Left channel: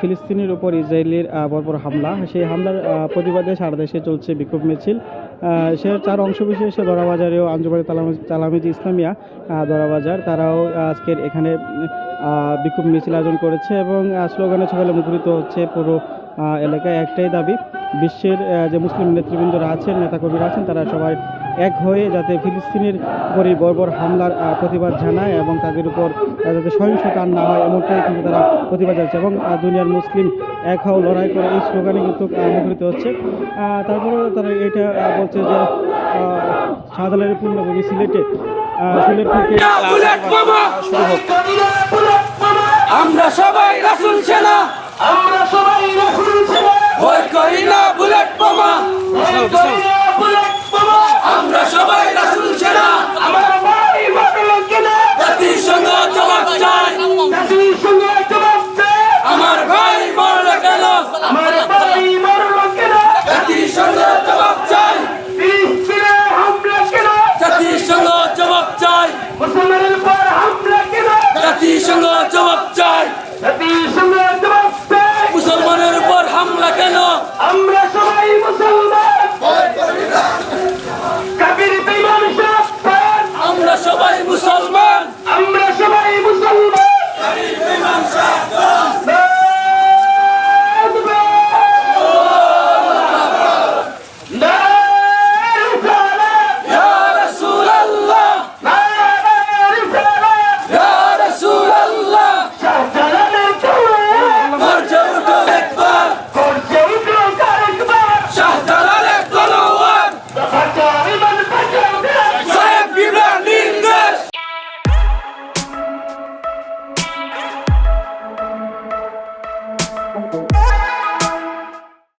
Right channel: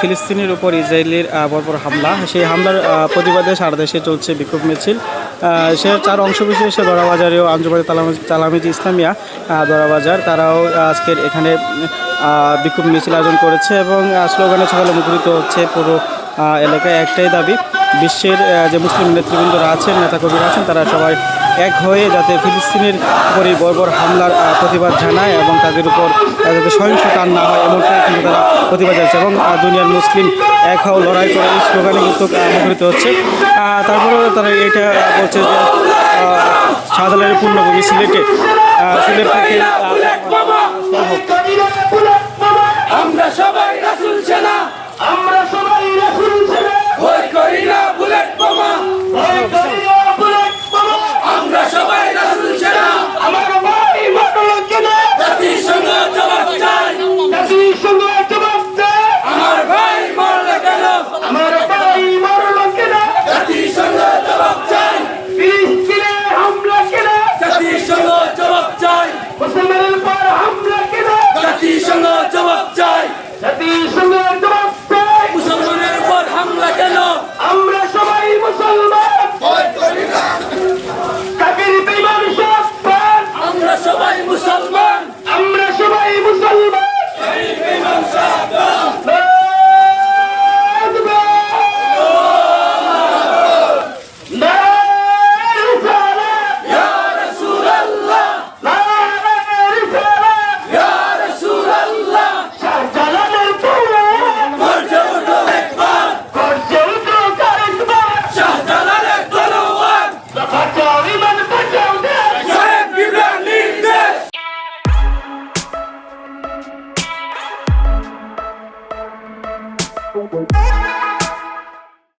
ফিলিস্তিনের উপর ইসরায়েলের বর্বর হামলা। সেই হামলার প্রতিবাদে সারা দেশে চলছে বিক্ষোভ মিছিল। সে তার অংশ বিশেষে দরাবাজারেও আঞ্জুবাড়ি তালামি তালামিজ ইসলামিয়া দরাবাজার। তারাও আজকের এখানে বিক্ষোভ মিছিল আয়োজন করেছে এবং স্লোগানে সকালে মুখরিত হচ্ছে পুরো এলাকায়। একটাই দাবি, বিশ্বের যে মুসলিম নেতৃবৃন্দরা আছেন, নেতাকর্মীরা আছেন, তারা সবাই এক হয়ে যাতে ফিলিস্তিনের উপর বর্বর হামলার প্রতিবাদ জানায় এবং তাদের উপর যাতে সহিংসতা না হয় এমনটাই কিন্তু তারা প্রতিবাদ জানাচ্ছে এবং দুনিয়ার মুসলিম এক হও লড়াই করে এই স্লোগানে কিন্তু মুখরিত হচ্ছে। আহ, তারপরেও তারা এটা বলছে যে শাহজালালের পূর্ণভূমি সিলেটে সিলেট থেকে শুরু হোক। আমরা সবাই রাসুল সেনা। আমরা সবাই রাসূল ছেড়ে ভয় করি না বুলেট বোমা। ভয় করি না। মুসলমানের উপর হামলা কেন? আমরা সবাই মুসলমান। কাবির। আমরা সবাই মুসলমান। আমরা সবাই মুসলমান। ইমাম সাহেব